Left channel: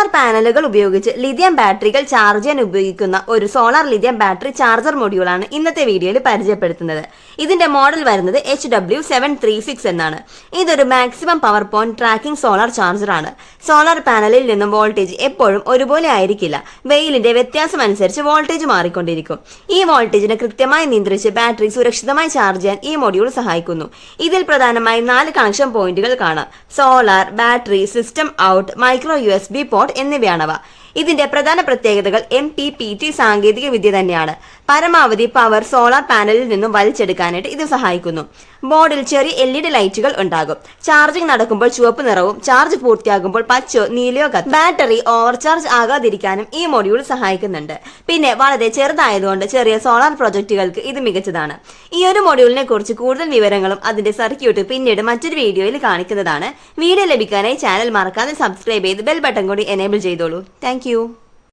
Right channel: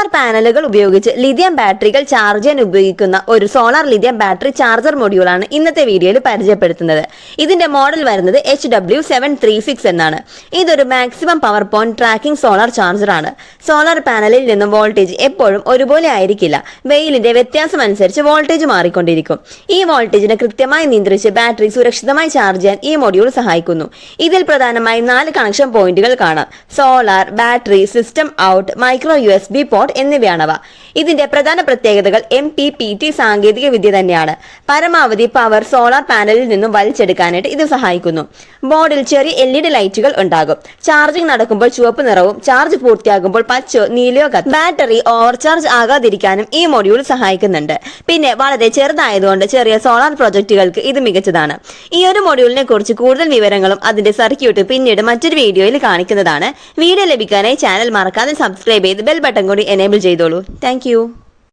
Solar പാനലുകൾ ഉപയോഗിച്ച് lithium ബാറ്ററികൾ ചാർജ് ചെയ്യാൻ ഉപയോഗിക്കുന്ന ഒരു സോളാർ ലിഥിയം ബാറ്ററി ചാർജർ മൊഡ്യൂളാണ് ഇന്നത്തെ വീഡിയോയിൽ പരിചയപ്പെടുത്തുന്നത്. ഇതിന്റെ മോഡൽ വരുന്നത് HW736 എന്നാണ്. ഇതൊരു maximum power point tracking solar charger ആണ്. സോളാർ പാനലിൽ നിന്നും വോൾട്ടേജ് എപ്പോഴും ഒരുപോലെ ആയിരിക്കില്ല. വെയിലിന്റെ വ്യത്യാസം അനുസരിച്ച് വോൾട്ടേജ് മാറിക്കൊണ്ടിരിക്കും. ഈ വോൾട്ടേജിനെ കൃത്യമായി നിയന്ത്രിച്ച് ബാറ്ററി സുരക്ഷിതമായി ചാർജ് ചെയ്യാൻ ഈ മൊഡ്യൂൾ സഹായിക്കുന്നു. ഇതിൽ പ്രധാനമായും 4 കണക്ഷൻ പോയിന്റുകൾ കാണാം. Solar, battery, system out, micro USB port എന്നിവയാണവ. ഇതിന്റെ പ്രധാന പ്രത്യേകതകൾ MPPT സാങ്കേതിക വിദ്യ തന്നെയാണ്. പരമാവധി പവർ സോളാർ പാനലിൽ നിന്നും വലിച്ചെടുക്കാനായിട്ട് ഇത് സഹായിക്കുന്നു. ബോർഡിൽ ചെറിയ LED ലൈറ്റുകൾ ഉണ്ടാകും. ചാർജിംഗ് നടക്കുമ്പോൾ ചുവപ്പ് നിറവും ചാർജ് പൂർത്തിയാകുമ്പോൾ പച്ചയോ നീലയോ കത്തും. ബാറ്ററി ഓവർചാർജ് ആകാതിരിക്കാനും ഈ മൊഡ്യൂൾ സഹായിക്കുന്നുണ്ട്. പിന്നെ വളരെ ചെറുതായതുകൊണ്ട് ചെറിയ സോളാർ പ്രൊജക്ടുകൾക്ക് ഇത് മികച്ചതാണ്. ഈ ഒരു മൊഡ്യൂളിനെ കുറിച്ച് കൂടുതൽ വിവരങ്ങളും അതിന്റെ സർക്യൂട്ട് പിന്നീട് മറ്റൊരു വീഡിയോയിൽ കാണിക്കുന്നതാണ്. വീഡിയോ ലഭിക്കാനായി ചാനൽ മറക്കാതെ സബ്സ്ക്രൈബ് ചെയ്ത് ബെൽ ബട്ടൺ കൂടി എനേബിൾ ചെയ്തോളൂ. Thank you.